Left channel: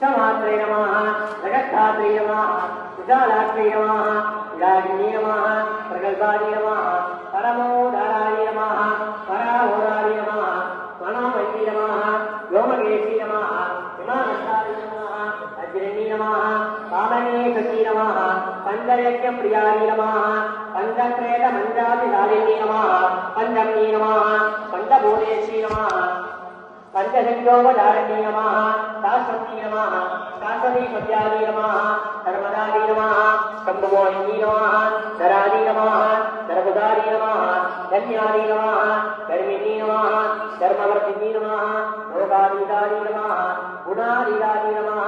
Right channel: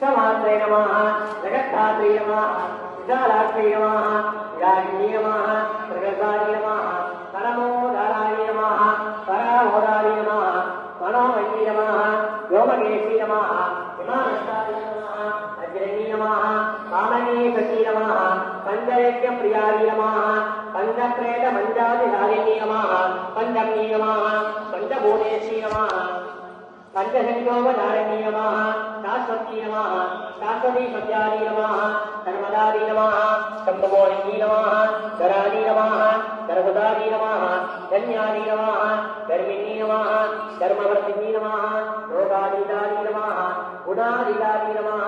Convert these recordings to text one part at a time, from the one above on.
समात्रे नमः जगत्धात्रे नमः विशालात्रे नमः विरागिनी नमः प्रगल्भानि नमः परमोदाराय नमः पराहोराय नमः मनोमयी नमः व्योमकेशी नमः हिमानस्ताय नमः अग्रणी नमः कामनीकटी नमः पंचयज्ञप्रियाय नमः पंचप्रेत मंजादिधारिणी नमः पंचमी नमः पंचभूतेशी नमः पंचशक्योपधारिणी नमः शाश्वती नमः शाश्वती पद्यानि नमः सर्वदानि नमः शम्भुमोहिनी नमः धरानि नमः सर्वदानि नमः धन्यानि नमः धर्मिणी नमः धर्मवर्तिनी नमः लोकाधिकारि नमः गुणाधिकारि नमः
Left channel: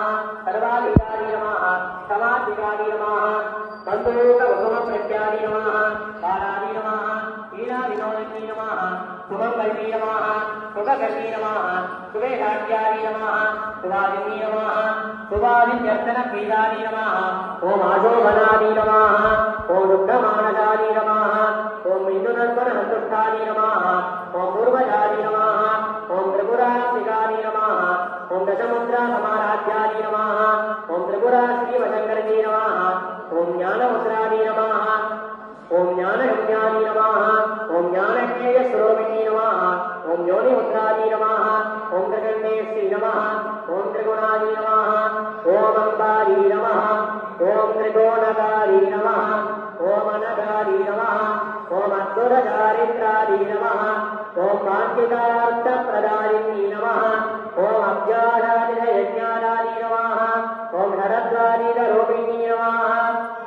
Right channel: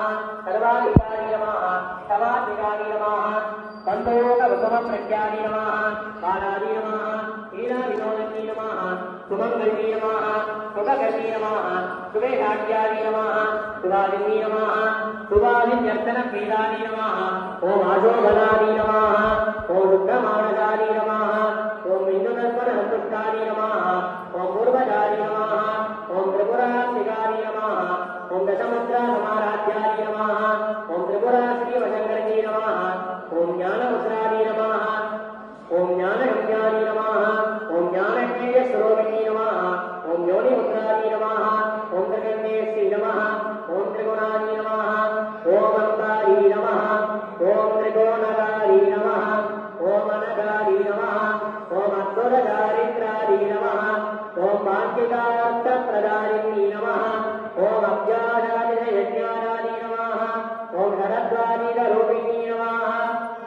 सर्वाधिकारि नमः क्षमाधिकारि नमः बन्धोकसमप्रत्यानि नमः बालानि नमः हीराविनोदिनी नमः सुमङ्गली नमः सुभगती नमः सुवेदाट्यानि नमः सुवादिनी नमः सुवादिन्यर्चनप्रीदानि नमः ओम आशोभनानि नमः ओम रुद्रमानदानि नमः ओम मिथुनस्वरसन्तुष्टानि नमः ओम पूर्वजानि नमः ओम त्रिपुरान्तिकानि नमः ओम दशमुद्रासमाराध्यानि नमः ओम त्रिपुराश्रीवशङ्करणी नमः ओम ज्ञानमुद्रानि नमः ओम ज्ञानयज्ञानि नमः ओम ज्ञानज्ञेयस्वरूपिणी नमः ओम योनिमुद्रानि नमः ओम त्रिगण्डेश्वरी नमः ओम त्रिगुणानि नमः ओम अंबारी नमः ओम त्रिकोणकारी नमः ओम अनगारी नमः ओम अद्भुतदारिद्रादि नमः ओम वाञ्छितार्थप्रदायिनी नमः ओम अज्ञानादियज्ञानानि नमः ओम नरद्वादिरूपिणी नमः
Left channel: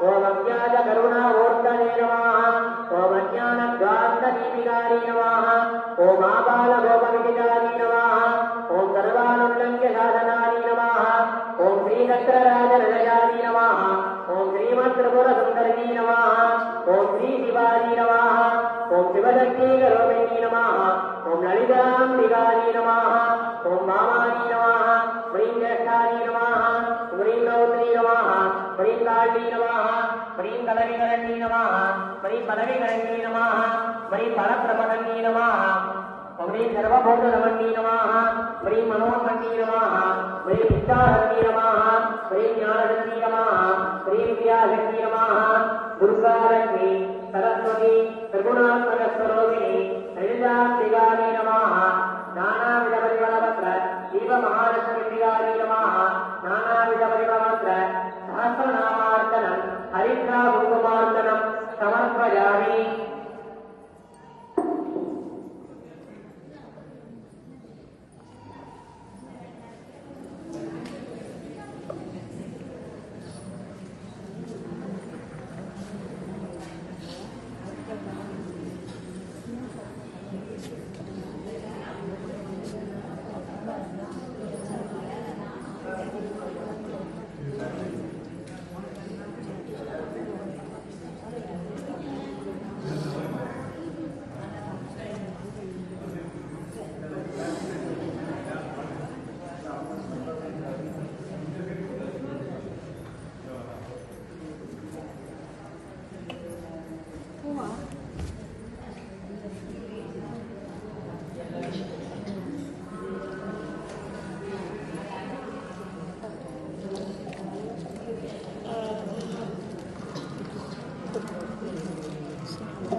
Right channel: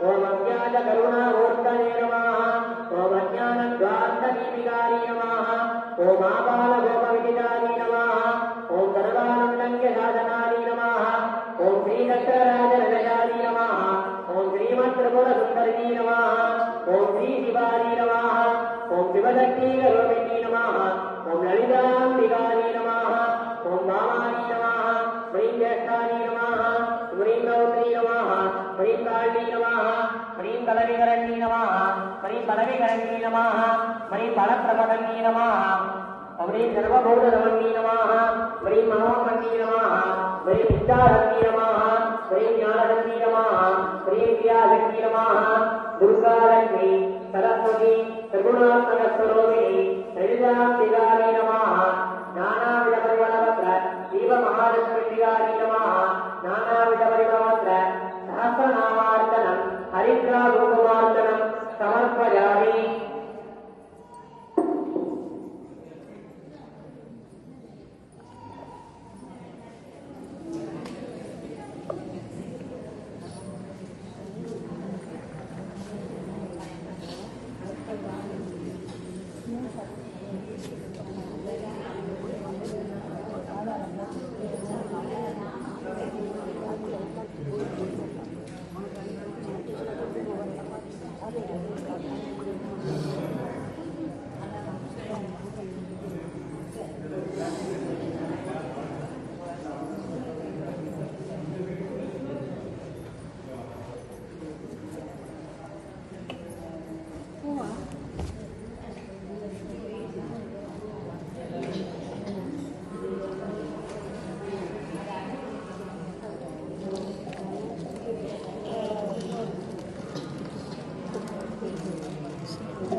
ओम अज्ञातकरुणामूर्तये नमः ओम अज्ञानद्वान्तदीपिकारि नमः ओम आबालगोपविदितानि नमः ओम सर्वानन्दसाधनानि नमः ओम श्रीदक्षराजनिलयानि नमः ओम श्रीमत्त्रिपुरसुन्दरिणी नमः ओम श्रीशिवानि नमः ओम शिवशक्तिरूपिणी नमः ओम ललिताम्बिकानि नमः ओम वामानि नमः श्रीं ज्येष्ठानि नमः श्रीं गौत्री नमः श्रीं काली नमः श्रीं कलविकरणी नमः श्रीं बलविकरणी नमः श्रीं फलप्रपदनी नमः श्रीं सर्वभूतनमनी नमः श्रीं मनोन्मनी नमः श्रीं शिक्षाशक्ति नमः श्रीं ज्ञानशक्ति नमः श्रीं क्रियाशक्ति नमः दुर्गालक्ष्मी सरस्वती त्रिगुणात्मकस्वरूपिणी ललिताम्बिकायै नमः नानाविधपरिमलपत्र शिवमहालक्ष्मीप्रियायै नमः नानाविधपरिमलपत्र सहस्रनामार्चनं हरिद्राकुङ्कुमार्चनं समर्पयामि।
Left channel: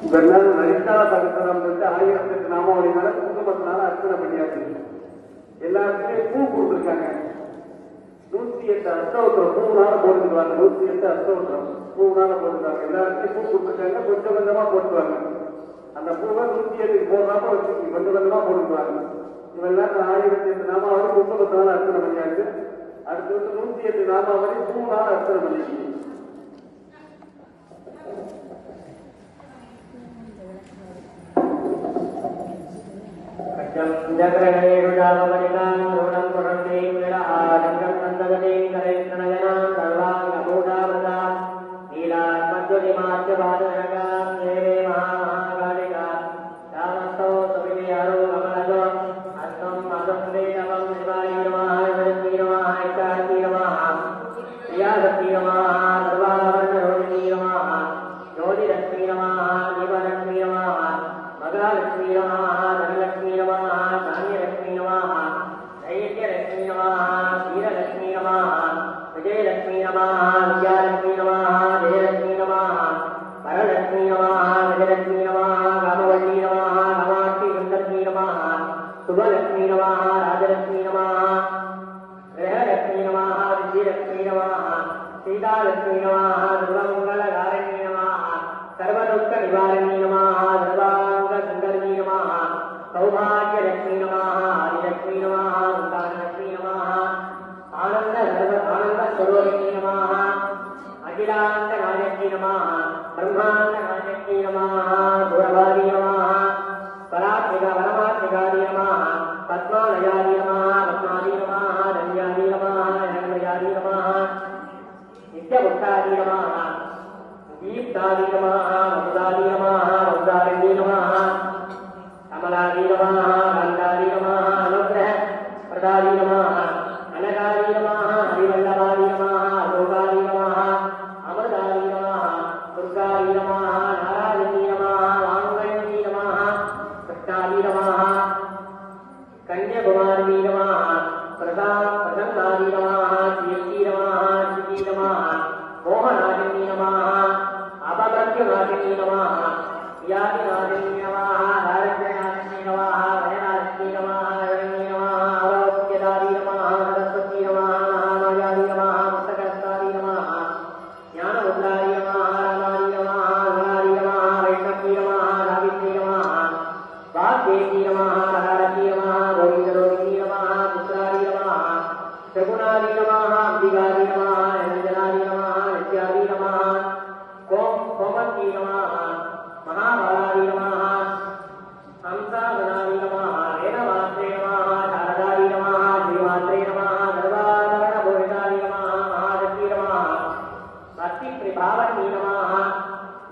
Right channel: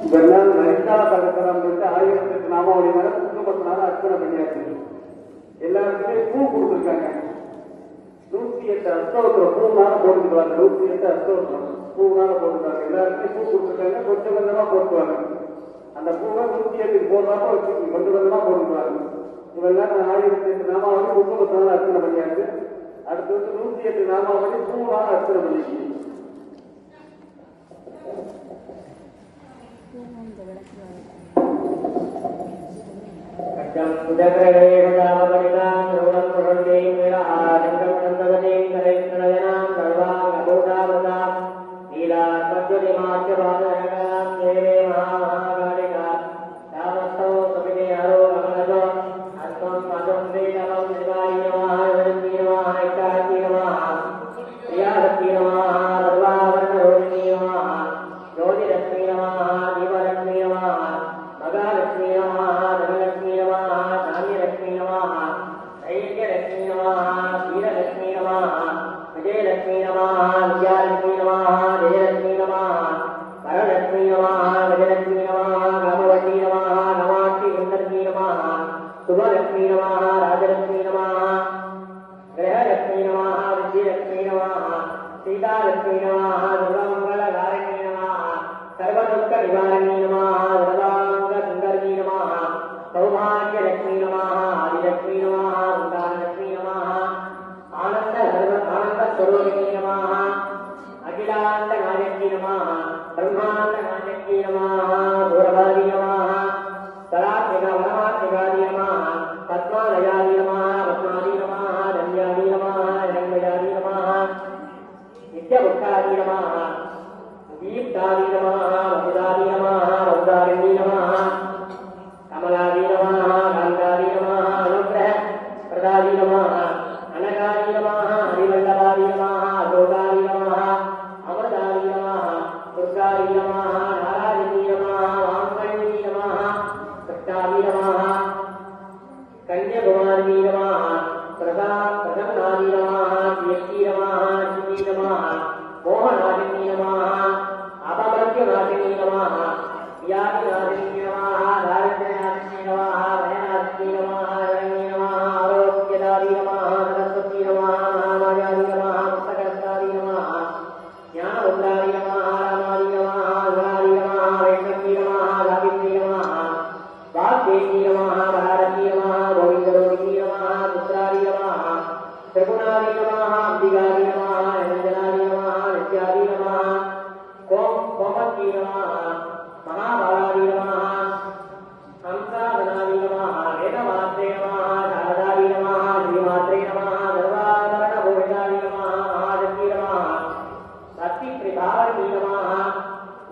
இதெல்லாம் லலிதா சகஸ்ரம் வந்து 1008 நாமாவளி மேல குங்குமத்தினால அர்ச்சனை பண்ணியாச்சு. எல்லாத்துக்கும் பூ கொடுத்துருக்காங்க. 108 அஷ்டோத்திரம் பூனால போட்டுருக்காங்க. 108 அஷ்டோத்திரம் பூனால போட்டுருக்காங்க. எல்லாத்துக்கும் பூ கொடுத்துருக்காங்க. கொஞ்சம் கொஞ்சமா போட்டுருவாங்க. அந்த பூவை 108 போடுறப்ப வச்சு கொஞ்சம் கொஞ்சமா போட்டுருவாங்க. இவெல்லாம் 1008 நாமாவளி குங்குமத்தினால அர்ச்சனை பண்ணியாச்சு. அடுத்து வந்து 108 நாமாவளி பூனால அர்ச்சனை பண்ணியாச்சு. श्रीलक्ष्मी नमः सीतालक्ष्मी नमः सर्वमङ्गलकारिणी नमः सर्वदुःखनिवारिणी नमः सर्वाङ्गसुन्दरी नमः सौभाग्यलक्ष्मी नमः आदिलक्ष्मी नमः संतानलक्ष्मी नमः आनन्दस्वरूपिणी नमः अखिलाण्डनायकी नमः ब्रह्माण्डनायकी नमः गौरवादी नमः परमात्मिकादी नमः पद्मालयादी नमः पद्मादी नमः धन्यादी नमः धन्यादी नमः नित्यभक्तादी नमः दीप्तादी नमः उदादी नमः उदारिणी नमः कमलादी नमः गन्धादी नमः अनुग्रह प्रदादी नमः अनगादी नमः हरिवल्लभादी नमः अलोकादी नमः अमृतादी नमः दुर्गादी नमः नारायणी नमः वाङ्मयी नमः कृष्णादी नमः कन्याकुमारी नमः प्रसन्नादी नमः कीर्ति नमः श्रुति नमः मोहनादिनी नमः अपमर्त्यवादिनी नमः व्याधिवादिनी नमः दारिद्र्यनाशिनी नमः भयनाशिनी नमः धरणी नमः आरोग्यदारी नमः सरस्वती नमः महामायादी नमः मुक्तकर्तारी नमः ज्ञानमुद्रारी नमः रामादी नमः गुणारी नमः वैष्णवी नमः सावित्री नमः वाग्देवी नमः भारती नमः गोविन्दरोहिणी नमः पुत्रारी नमः त्रिगुणारी नमः अम्बिकारी नमः निरञ्जनारी नमः नित्यादी नमः कोमती नमः महाबालादी नमः हंसाधनादी नमः वेदमात्रे नमः शारदादी नमः श्रीमात्रे नमः सर्वाभरणभूषितादी नमः महाशक्ति नमः भक्तिप्रिभावनी नमः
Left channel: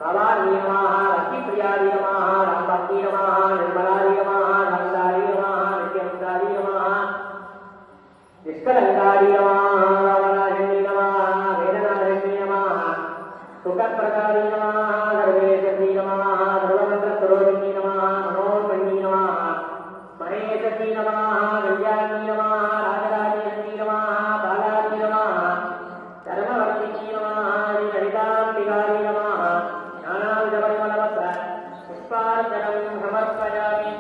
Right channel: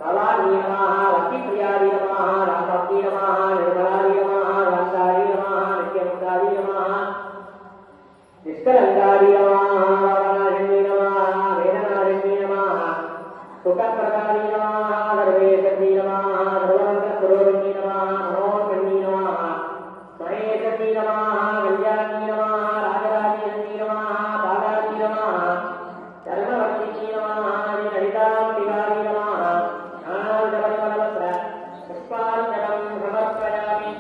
भवानी नमः भक्तिप्रियादी नमः रामभक्ति नमः निर्मलादी नमः शान्तादी नमः नित्यमुक्तादी नमः निष्कलङ्कादी नमः रावणाशिनी नमः वेदनाशिनी नमः सुखप्रदादी नमः सर्वेशक्ति नमः सर्वमङ्गलस्वरूपिणी नमः मनोन्मयी नमः महेशक्ति नमः कल्याणी नमः राजराजेश्वरी नमः बालादी नमः धर्मवर्तिनी नमः ललिताम्बिकादी नमः ज्ञानाञ्जनपरिमलवस्त्र पुष्पाञ्जलिं समर्पयामि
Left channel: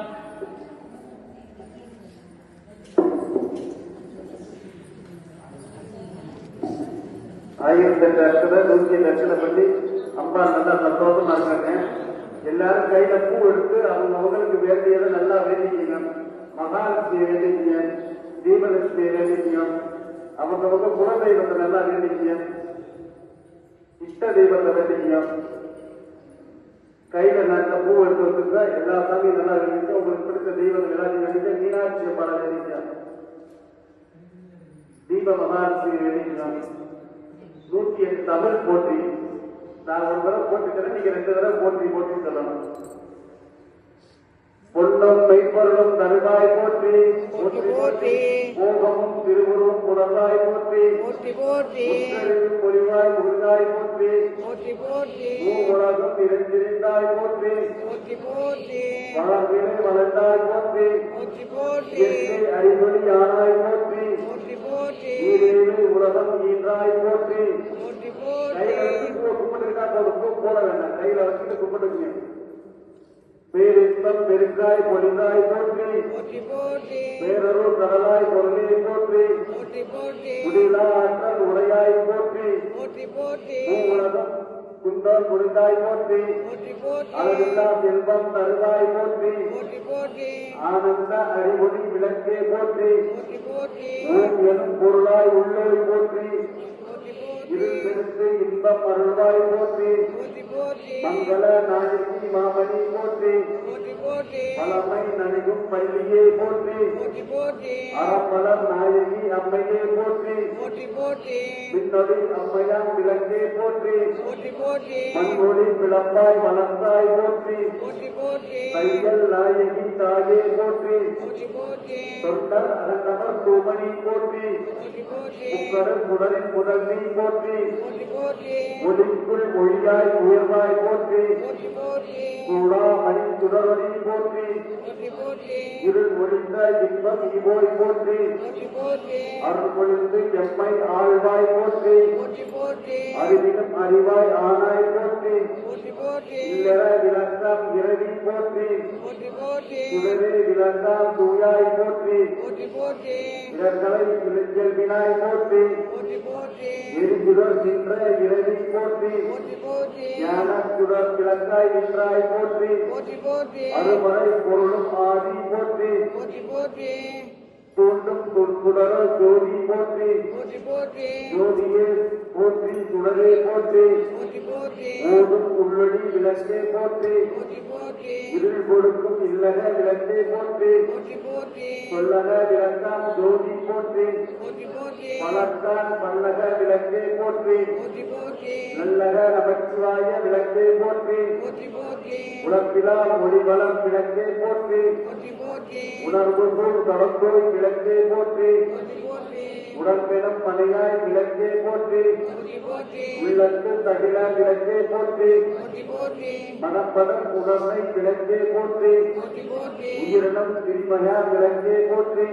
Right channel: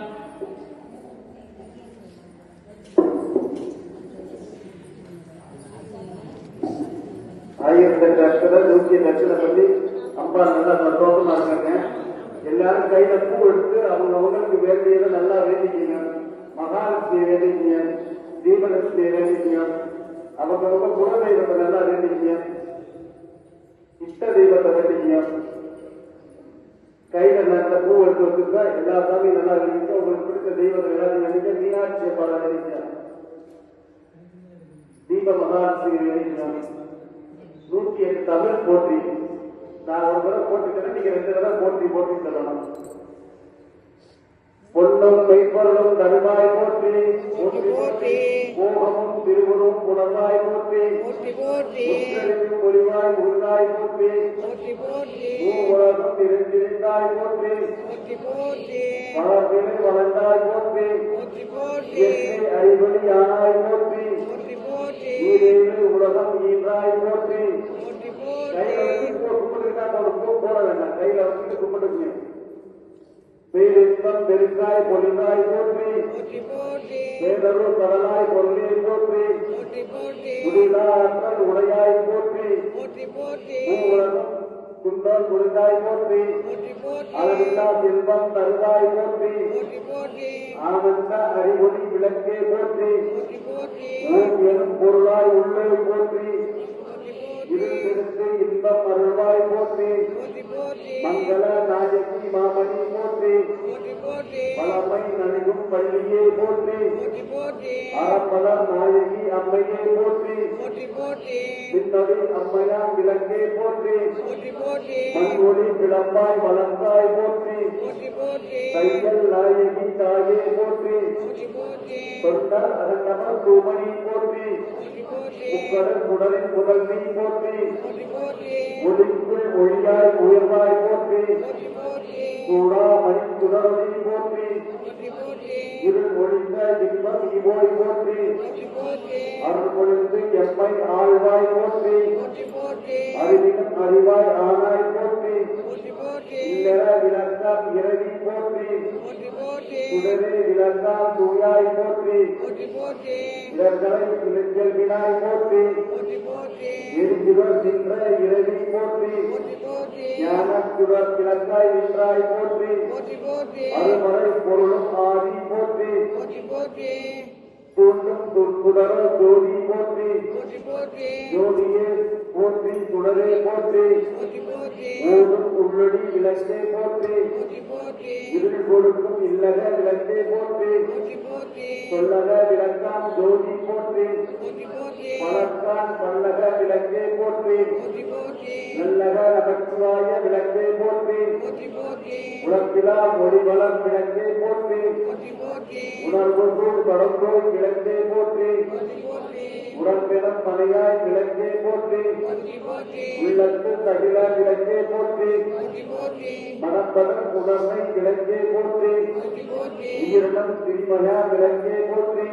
ஆயிரத்தி லட்சத்துல 100 லட்சத்தை பத்தி அம்பா நல்லா சந்தோஷமா இருக்காங்க. எல்லாரும் கையில பூ எடுத்து அவங்களுக்கு வேண்டியதை நல்லா வேண்டிக்கணும். மகாலட்சுமியை வேண்டிக்கணும், தீபலட்சுமியை வேண்டிக்கணும், அவங்கவுங்க குலதெய்வத்தை நல்லா வேண்டிக்கணும், இஷ்ட தெய்வத்தை வேண்டிக்கணும். கையில நல்ல பூ எடுத்து வச்சிருந்தா எல்லா சாமியும் நல்லா வேண்டிக்க, உங்களுக்கு பிடிச்ச தெய்வத்தை எல்லாத்தையும் வேண்டிக்க, மீனாட்சியை படம் வேண்டிக்கணும், தீப மகாலட்சுமி வேண்டிக்கணும். 108 தமிழ் போட்டி. நான் ஒரு தடவை போட்டுக்கிறேன், நீங்க 2 தடவை போட்டி போட்டி சொல்லணும். பொன்னும் மெய்ப்பொருளும் தருவாய் போற்றி போற்றி, மோகமும் திருவுருவும் புலவாய் போற்றி போற்றி, மொழிவாய் முருகாய் போற்றி போற்றி, உலகம் இருந்திருந்தாய் போற்றி போற்றி, வாழ்வினை வளர்ந்தாய் போற்றி போற்றி, அறிவொளி ஆனாய் போற்றி போற்றி, உலகம் ஈன்றாய் போற்றி போற்றி. கும்பிட்டுருக்கா போட வேண்டாம், கையில வச்சுட்டு கும்பிட்டுங்க. பேரின்பம் பெருக்காய் பொழிந்தாய் போற்றி பேரருள் கடலாய் பொருளினை போற்றி முடிலா ஆற்றல் உடையாய் போற்றி உலகம் குண்டால் முடிந்தாய் போற்றி அளவில்லா செல்வம் தருவாய் போற்றி ஆனந்த அறிவொளி விளக்கே போற்றி ஓம் எனும் பொருளாய் உள்ளே போற்றி இருந்திருந்து இன்பம் பொருளாய் போற்றி மங்கள நாயகி மாமணி போற்றி பலமை நனையும் பள்ளியே போற்றி அறப்பலர் நாயகி அம்மையே போற்றி பின்னொழி அம்மையாம் விளக்கே போற்றி மண்ணொழி பிளப்பாய் வளர்ந்தாய் போற்றி தையல் நாயகி தாயே போற்றி தொண்டர் அருணவர் தூமணி போற்றி உக்கடல் குடலின் குடல் நீ போற்றி ஒளிக்குள் ஒளியாய் உயர்வாய் போற்றி கூடா மணி குடலி போற்றி இருள் ஒளிந்த இன்பம் இவோய் போற்றி அருள் பொழுது எம்மை ஆழ்வாய் போற்றி அறிவினும் அறிவாய் ஆனாய் போற்றி இல்லற விளக்கம் இரவி போற்றி போற்றி போற்றி சுடரே விளக்காம் தூயாய் போற்றி போற்றி போற்றி இடர்களை விளைச்சல் வினாய் போற்றி போற்றி போற்றி எரிசுடர் நின்ற இறைவி போற்றி போற்றி போற்றி ஞானச்சுடர் கிழக்காய் நின்றாய் போற்றி போற்றி போற்றி அருமறை பொருளும் ஆதி போற்றி போற்றி போற்றி தோன்றும் தொற்குடர ஜோதி போற்றி போற்றி போற்றி ஜோதியே போற்றி சுடரே போற்றி போற்றி போற்றி ஓடும் உள்ளடி விளக்கே போற்றி போற்றி போற்றி இருள் கொடுக்கும் இல்லக விளக்கே போற்றி போற்றி போற்றி சொல்லக விளக்காம் ஜோதி போற்றி போற்றி போற்றி பலத்தான் பல்லக விளக்கே போற்றி போற்றி போற்றி நல்லக நமச்சிவாய விளக்கே போற்றி போற்றி போற்றி உலப்பிலா மொழிபலம் விளக்கே போற்றி போற்றி போற்றி உணர்வுகள் தொடர்ந்தோய் விளக்கே போற்றி போற்றி போற்றி உடன்பிடம் பணியாய் விளக்கே போற்றி போற்றி போற்றி உள்ளத்து தகிலா விளக்கே போற்றி போற்றி போற்றி மனப்பதம் உணர்வை விளக்கே போற்றி போற்றி போற்றி உயிரிடம் திருமயா விளக்கே போற்றி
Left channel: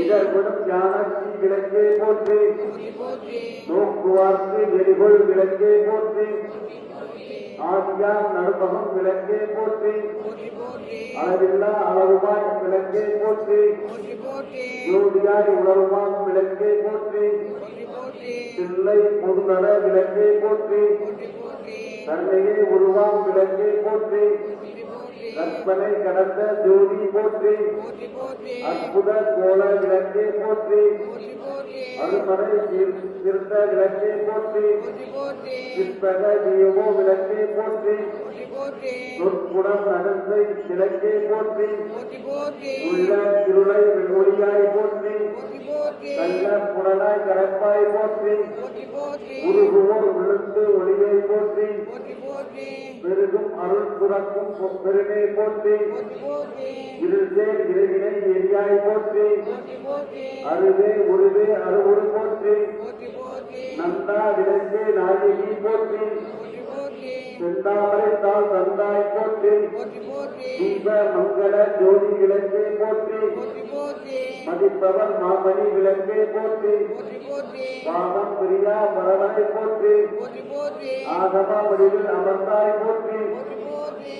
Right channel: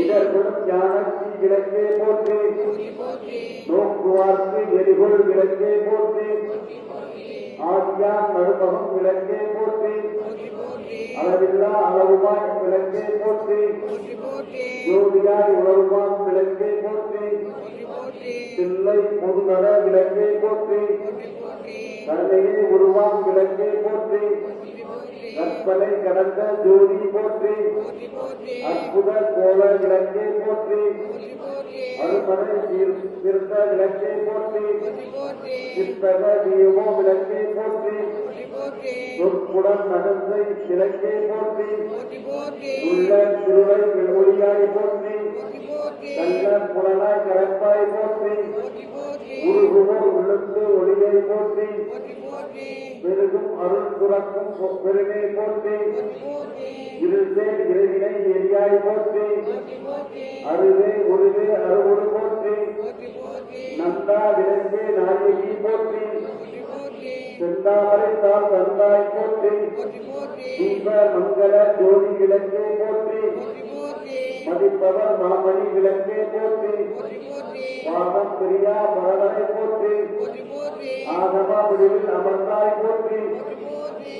இதற்குடன் ஞானத்தி விளக்கே போற்றி போற்றி போற்றி நோக்குவார்க்கு எரிகொள் விளக்கே போற்றி ஆதியாம் நடுபகம் விளக்கே போற்றி போற்றி போற்றி அளவில்லா அளவுமாய் விளக்கே போற்றி போற்றி போற்றி ஜோதியாய் உணர்வான் விளக்கே போற்றி போற்றி போற்றி தில்லை பொதுநர விளக்கே போற்றி போற்றி போற்றி தன்னையே உருவாம் விளக்கே போற்றி போற்றி போற்றி கற்பனை கடந்த ஜோதி போற்றி போற்றி போற்றி அற்புத கோல விளக்கே போற்றி போற்றி போற்றி அறுபடை திருத்த விளக்கே போற்றி போற்றி போற்றி சிற்பக தீயமோ விளக்கே போற்றி போற்றி போற்றி சொற்குடம் நடந்தை விளக்கே போற்றி போற்றி போற்றி உள்ள திருளை ஒளியாய் போற்றி போற்றி போற்றி நல்ல புலனாய் கரப்பாய் போற்றி போற்றி போற்றி உருகுவோர் உள்ளத்து ஒளியை போற்றி போற்றி போற்றி பெருகும் அருள் புறக்கும் சொற்பெருமை போற்றி போற்றி போற்றி இருள்சேர் இறைவினை எரியாய் போற்றி போற்றி போற்றி அருவே உருவே அருவுரு போற்றி போற்றி போற்றி நந்தா விளக்கே நாயகி போற்றி போற்றி போற்றி செந்தாமரை தாள் தந்தாய் போற்றி போற்றி போற்றி தீப மங்கள ஜோதி விளக்கே போற்றி போற்றி போற்றி மதிப்பவர் மாமணி விளக்கே போற்றி போற்றி போற்றி பாவம் பிரியா மரணாய் போற்றி போற்றி போற்றி ஆகமா வடிவில் அமர்ந்தாய் போற்றி போற்றி போற்றி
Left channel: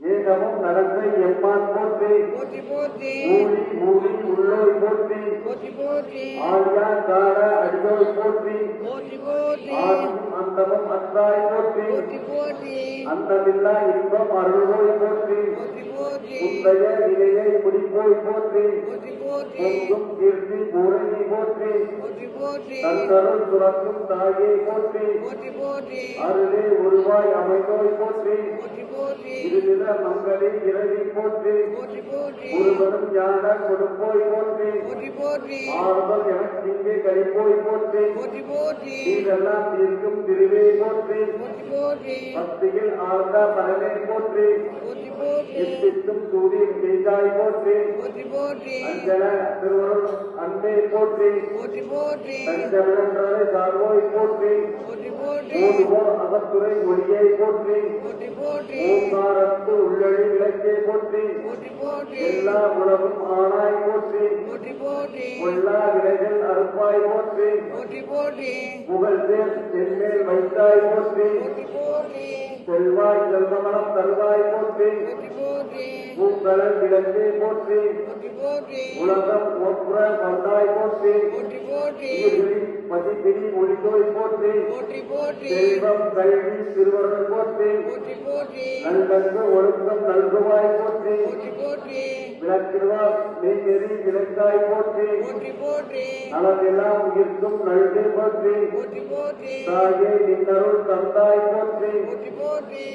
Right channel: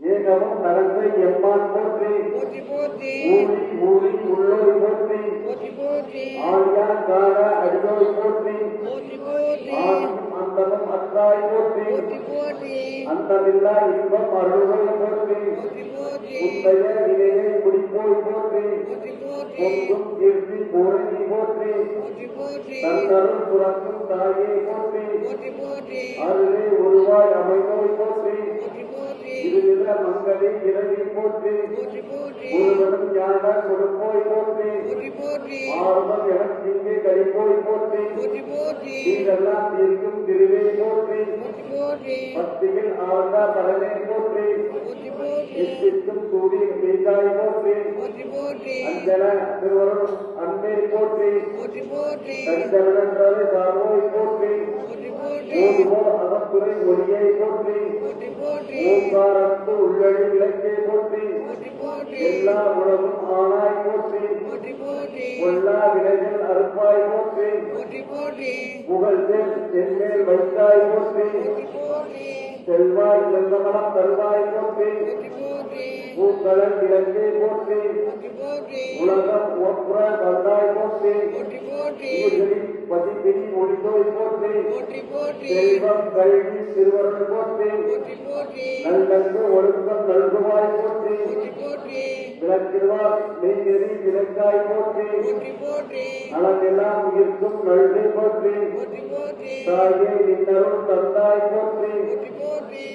ஏகமும் நரந்தை எம்மான் போற்றி போற்றி போற்றி ஊழி ஊழி உள்ளோய் போற்றி போற்றி போற்றி ஆழியா கார அடியோய் போற்றி போற்றி போற்றி ஆடும் அந்தமும் அத்தாய் போற்றி போற்றி போற்றி அந்தமில்லா இன்பம் அருள்வோய் போற்றி போற்றி போற்றி உந்தைய இணையை குடிப்போய் போற்றி போற்றி போற்றி பொங்கும் கீர்த்தி பூரணி போற்றி போற்றி போற்றி தந்தரும் புறக்கும் தாயே போற்றி போற்றி போற்றி அருளே உருவாய் அமைந்தோய் போற்றி போற்றி போற்றி இருவித மங்களி பிறவி போற்றி போற்றி போற்றி ஒருவரும் ஞான கொடுப்போய் போற்றி போற்றி போற்றி ஆர்வம் எனக்கு இங்கே கழிப்போய் போற்றி போற்றி போற்றி இதெல்லாம் இருக்கும் திருவே போற்றி போற்றி போற்றி பக்தியில் ஆழ்ந்த தலைமை போற்றி போற்றி போற்றி எத்திக்கும் சூரியன் செய்தாய் போற்றி போற்றி போற்றி அஞ்சல திருவருள் அன்பே போற்றி போற்றி போற்றி தஞ்சமிழன்றதை சார்வோய் போற்றி போற்றி போற்றி ஓதுவோர் அவத்துறை ஒளியை போற்றி போற்றி போற்றி ஓங்காரத்து உள்ளழி விளக்கே போற்றி போற்றி போற்றி எல்லா உலகும் ஆனாய் போற்றி போற்றி போற்றி கொல்லா விலைகள் அறுப்பாய் போற்றி போற்றி போற்றி புகழ்தேன் என்மேல் வைத்தாய் போற்றி போற்றி போற்றி செல்வாய் செல்வனாம் தருவாய் போற்றி போற்றி போற்றி பூக்களன் விளக்கே போற்றி போற்றி போற்றி உலகம் ஒப்புற வந்தாய் போற்றி போற்றி போற்றி உயிர்களின் பதிப்பிரி முடிந்தோய் போற்றி போற்றி போற்றி செல்வம் கல்வி திருவருள் போற்றி போற்றி போற்றி நல்லென்று ஒழுக்கம் நல்குவாய் போற்றி போற்றி போற்றி விளக்கிடுவார் மெய்நெறி விளக்காய் போற்றி போற்றி போற்றி நலமெல்லாம் உயிர்க்கும் நல்கி போற்றி போற்றி போற்றி தாயே நின்னருள் தந்தாய் போற்றி போற்றி போற்றி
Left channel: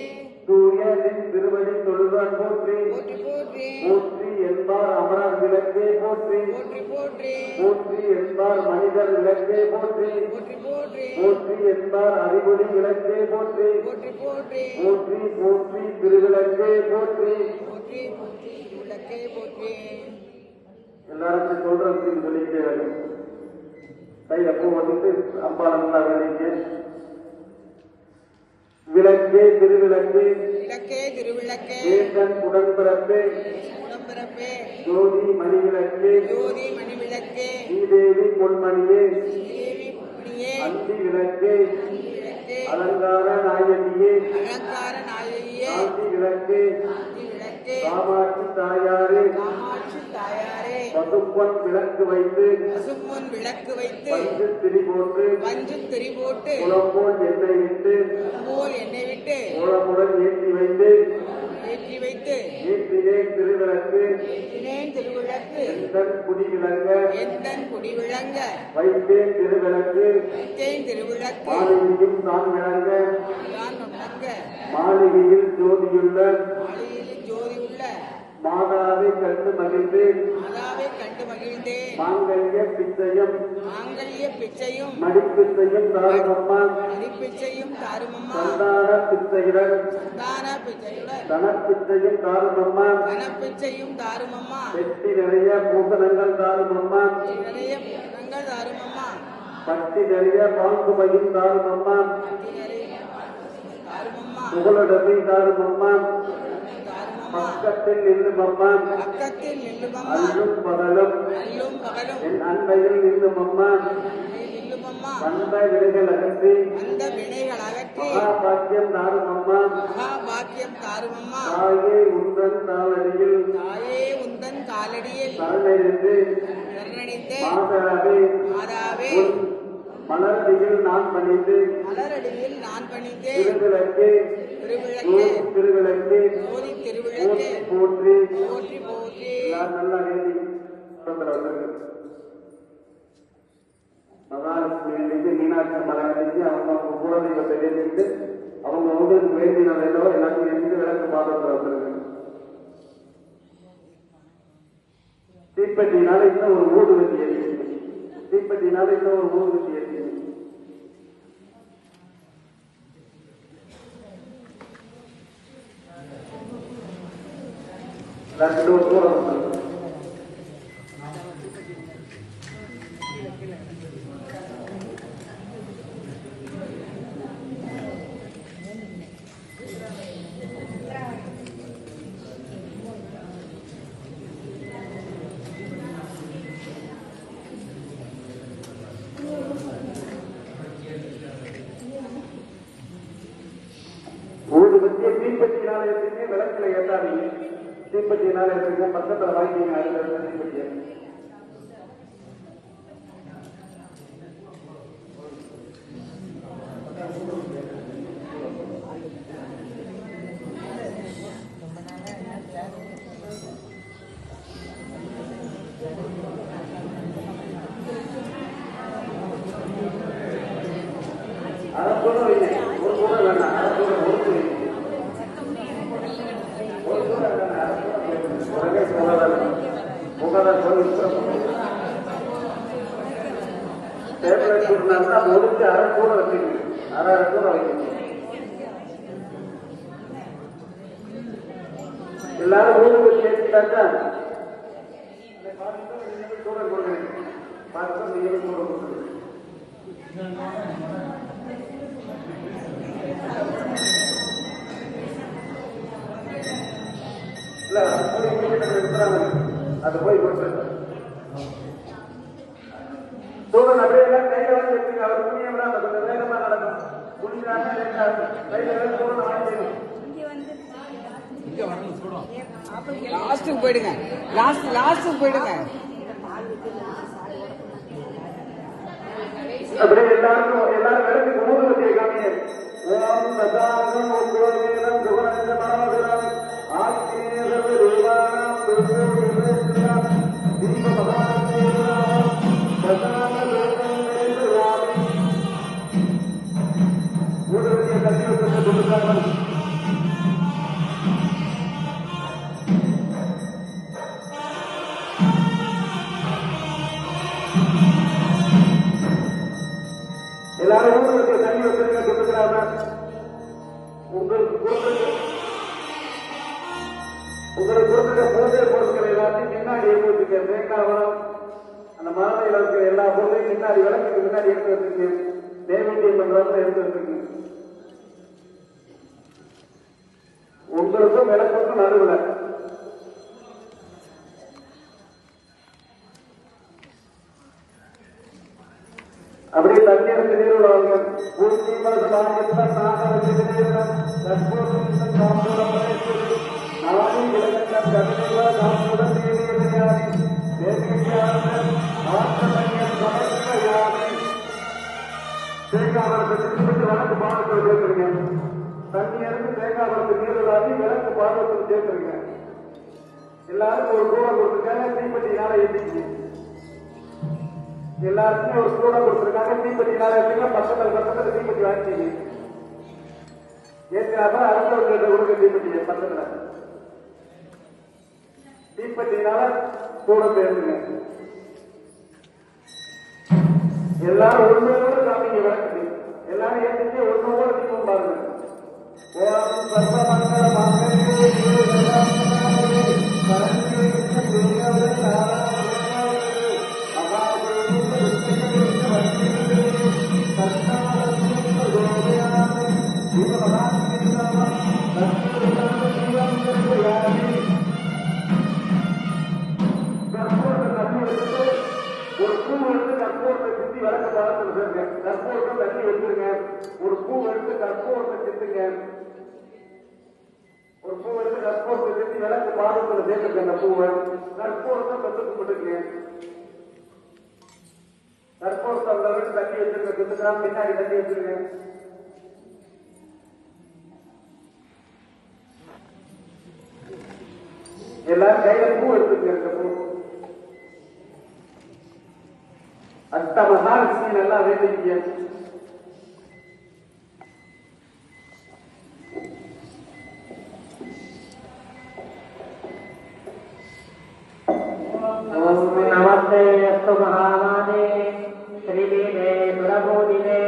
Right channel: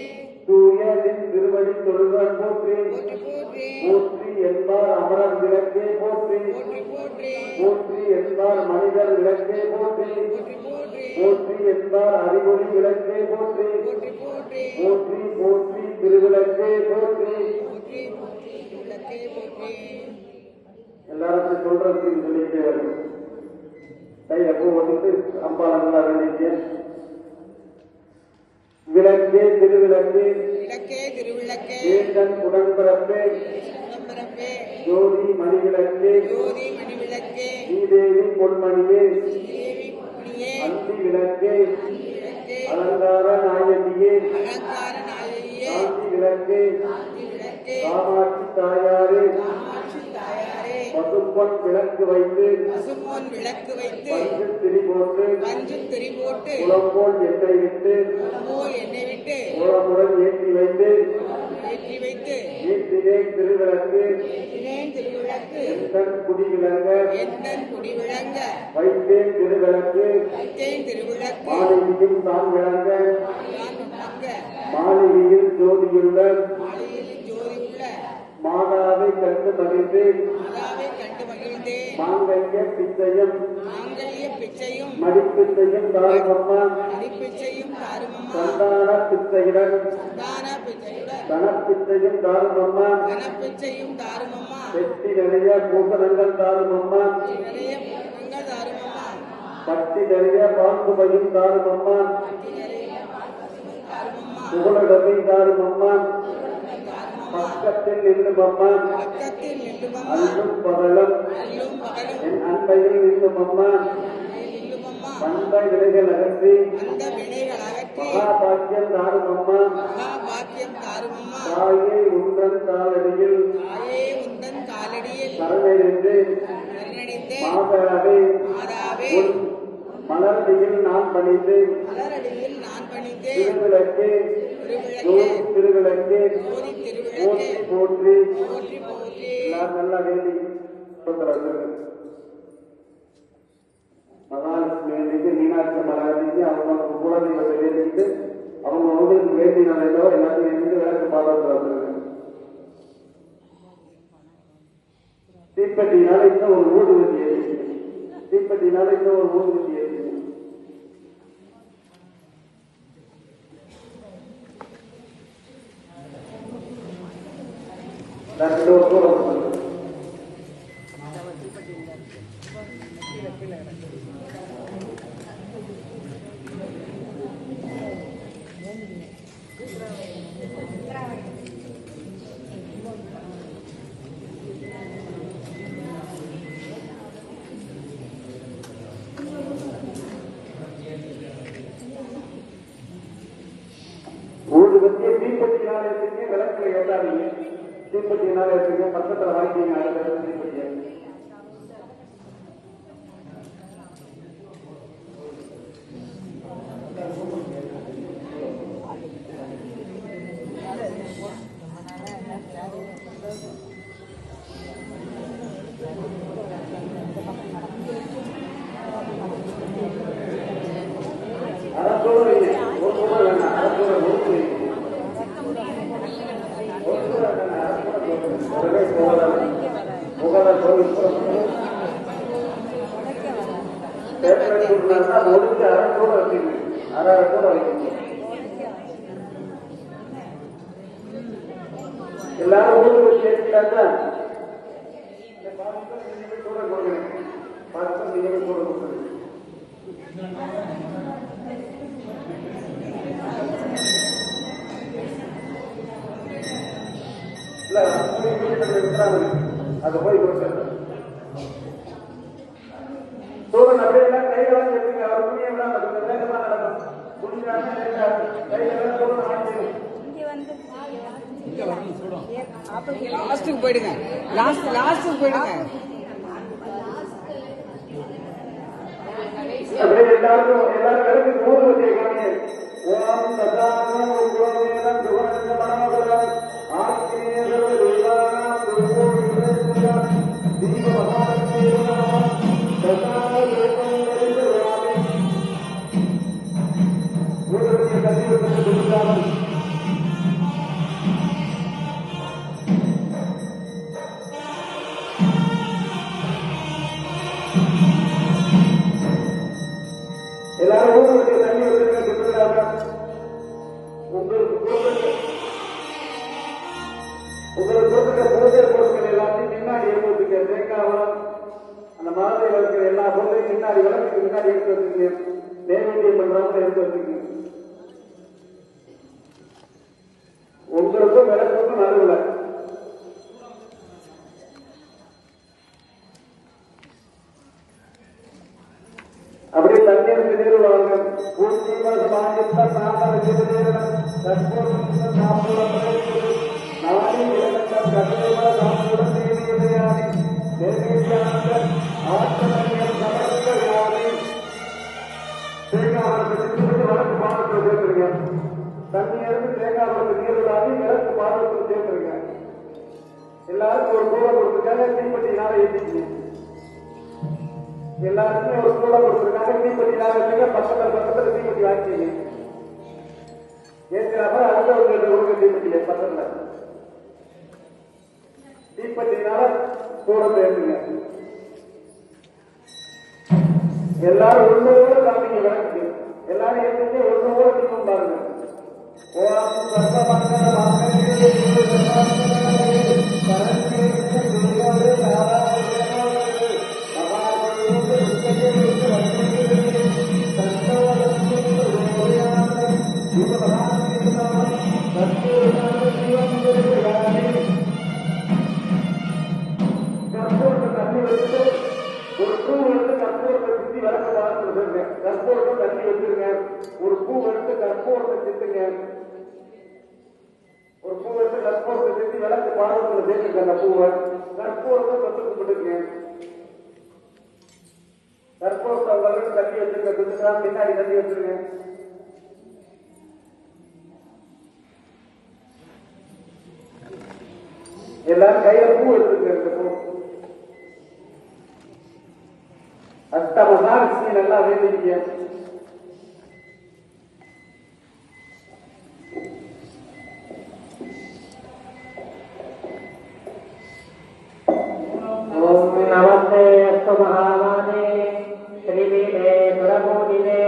சூரியனின் திருவடி தொழுதான் போற்றி போற்றி போற்றி போற்றி என்பார் அமரர் விளக்கே போற்றி போற்றி போற்றி போற்றி என்பார் மனிதர் விளக்கே போற்றி போற்றி போற்றி போற்றி என்பார் அறிவொளி விளக்கே போற்றி போற்றி போற்றி போற்றி போற்றி திருவிளக்கே போற்றி போற்றி போற்றி விளக்கே போற்றி எல்லாருக்கும் சொல்றதுக்கு சொல்லிட்டே வரும் கை அப்போ வந்துட்டு அம்பா நல்லா வேலைக்கு விளக்கே திருவிளக்கே விளக்கே திருவிளக்கே ஏகன் உடன்பிறப்பே உடம்பிறப்பே ஜோதி மணிவிளக்கே ஜோதி மணி விளக்கே ஸ்ரீதேவி பொன்மணியே தேவி புண்ணியே அந்தி விளக்கே விளக்கே அலங்கார சம்சார நாயகியே காஞ்சி விளக்கே விளக்கே காமாட்சி தாயாரே காமாட்சி தாயாரே பசும்பொன் விளக்கு வைத்து பசும்பொன் விளக்கு வைத்து பஞ்சு திரி போட்டு பஞ்சு திரி போட்டு குளம்போல் எண்ணெய் விட்டு போல் எண்ணெய் விட்டு கோலமுடன் ஏற்றி வைத்து ஏற்றி வைத்து ஏற்றினேன் திருவிளக்கு ஏற்றினேன் திருவிளக்கு எந்தன் குடி விளங்க எந்தன் குடி விளங்க வைத்தேன் திருவிளக்கு வைத்தேன் திருவிளக்கு மாளிகையும் தான் விளங்க தான் விளங்க மாளிகையில் ஜோதியுள்ள மாளிகையில் ஜோதி உள்ள மாதாவை கண்டு மகிழ்ந்தேன் மாதாவை கண்டு மகிழ்ந்தேன் மாங்கல்ய பிச்சையும் மாங்கல்ய பிச்சையும் மடிப்பிச்சையும் தாருமம்மா அடிப்பிச்சையும் தாருமம்மா சந்தான பிச்சையுடன் தான பிச்சையுடன் தனப்பிச்சையும் தாருமம்மா தனப்பிச்சையும் தாருமம்மா வெட்டி நிறைய பூசணங்கள் தாருமம்மா நிறைய பூரணங்கள் தாருமம்மா பட்டி நிறைய பாம்புமையும் தாருமம்மா நிறைய தாருமம்மா புகழடமை தாருமம்மா தாருமம்மா பக்கத்தில் நின்றுமம்மா பக்கத்தில் நில்லுமம்மா அல்லும் பகலும் அல்லும் பகலும் என் அன்பையில் நின்றுமம்மா நில்லுமம்மா அந்த விலைகள் அகற்றி அந்த வினைகள் அகற்றி மகாபாக்கியம் தாருமம்மா மகா பாக்கியம் தாருமம்மா தாயே உந்தன் தாளடியில் தாயே உந்தன் காலடியில் சரணடைந்து சரணடைந்தே மாதாவே மாதாவே உன் மலர்டியில் நான் பணிந்து மலரடியில் நான் பணிந்தே திருவிளக்கே திருவிளக்கே திருவிளக்கே ஜோதி திருவிளக்கே போற்றி போற்றி போற்றி எல்லாரும் நல்லா வேண்டி சொல்றாங்க. மகாலட்சுமி வேண்டிட்டு மீனாட்சி மகாராஜிக்கு அவங்க குலதெய்வத்தை வேண்டிட்டு அவங்க வந்து வேண்டினாலேயோ எல்லாத்தையும் வேண்டிட்டு விளக்கு பார்த்து தீப்பெட்டினால இன்னும் ஒரு ஊதுவத்தி ஏறி தீப்பெட்டினால இன்னும் ஒரு ஊதுவத்தி ஏறி ரெண்டு தூரம் ஊதுவத்தியை தீப்பெட்டினால எடுத்துக்கு விளக்குல ஏற்றாதீங்க தீப்பெட்டினால எடுத்துக்க பக்கத்தில் வாங்கிங்க தீப்பெட்டியை அரசோடு வைங்க ஒரு கூட வேணாம் அரசோட ஒரு வைங்க உடனே புகாதார் பேப்பர் முடிஞ்சு அரசோடு வச்சுங்க அரசோடு வைக்கணும் எல்லாரும் ஊருக்கு சேர்த்துட்டாங்க கூட கொடுக்குறேன் பார்த்து நீங்கள் கூட கொடுக்குறேன் இல்ல அது போய் கொடுக்குறேன் சூழல் அப்படியே கையெல்லாம் எடுத்துங்க அவர் புண்ணியம் கொஞ்சம் வேகமா நடக்கும் புண்ணியம் கையெல்லாம் சூழல் வாங்கிக்கணும் லாஸ்ட்டுக்கு போயிடுங்க லாஸ்ட்டுக்கு போயிடுங்க அப்படியே எல்லாரும் இடத்துக்கு மூணு வச்சு காமிங்க ஓம் சதானம் உக்ரோமேனம் துவனஞ்சமாவதாம் ஆத்மேஸ்வர தேவானாம் துர்கோவிதேஸ்வரம் தீபமகாதேவானாம் பிரசாத லோகேந்திரவாமி மூணு வச்சு கல்வியத்துக்கு கொடுத்தாலும் எல்லாரும் ஊருக்கு தண்ணி வசதி கொடுத்துருக்காங்க உங்களுக்கு கொடுத்துருக்க பூஜை பொருட்கள் எல்லாத்தையும் முன்னாடி எடுத்து வச்சுக்க தேங்காய் வளம் அந்த மரத்தில் இருக்கிற எல்லா பொருளையும் முன்னாடி விளக்குக்கு முன்னாடி எடுத்து வச்சுக்க நைவேத்தியம் பண்றவங்க எடுத்து வச்சுக்க உங்களுக்கும் விளக்குக்கும் நடுவில் அப்படியே தண்ணீர் திடீர் எல்லாருக்கும் ஒரு கூட கொடுத்துருக்காங்க தீப்பெட்டினால ஏற்றிக்கீங்க எல்லாருக்குமே ஒரு கூட கொடுத்துருக்காங்க தீப்பெட்டினால ஏற்றிங்க பக்கத்துல தீப்பெட்டி ஆக்கிங்க ஏற்றினாப்ப அடுத்தவங்களுக்கு கொடுக்க தீப்பெட்டியை பக்கத்துல தீப்பெட்டினால கூட ஏற்றுங்க எல்லாரும் ஒண்ணு காமிங்க விளக்குது எல்லாரும் ஏற்றிட்டு ஒண்ணு கூட தீபம் பாருங்க கற்பூரத்தை தண்ணி வச்சிருங்க ஒரு பூ எடுத்து கற்பூரத்தை சித்துங்க ஒரு பூ எடுத்து கற்பூரத்தை சித்தி விளக்கு பாதத்துல சேர்த்துங்க அந்த பூவை கற்பூரத்தை தொட்டு கும்பிட்டுங்க கற்பூரத்தை அந்த அளவுக்கு தண்ணி வச்சிருக்க குத்துக்கா பின்னாடி தண்ணி வச்சிருங்க எல்லாரும் கையில பூ எடுத்துங்க இந்த பூ அஷ்டமகாலட்சுமி நல்லா வேண்டிய நமஸ்தே அஸ்து மகாமானே ஸ்ரீவீரே பிரபோதிவே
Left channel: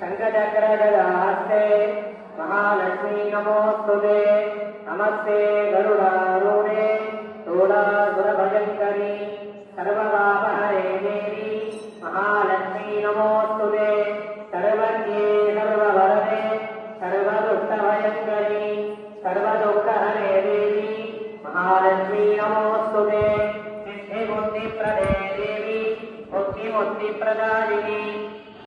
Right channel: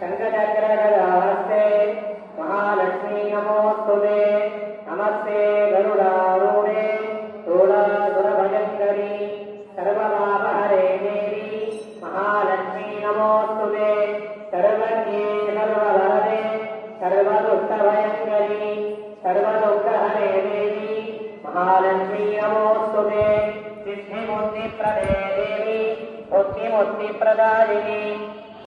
சங்கடகரகராஸ்தே மகாலட்சுமி நமோஸ்துதே நமஸ்தே கருடாரூணே தோளாசுரபஜங்கரி சர்வபாபஹரே தேவி महालक्ष्मी नमोस्तुते सर्वज्ञे सर्ववरदे सर्वदुष्टभयङ्करी सर्वदुःखहरे देवी महालक्ष्मी नमोस्तुते सिद्धिमुक्तिप्रदे देवी मुक्तिमुक्तिप्रदायिनी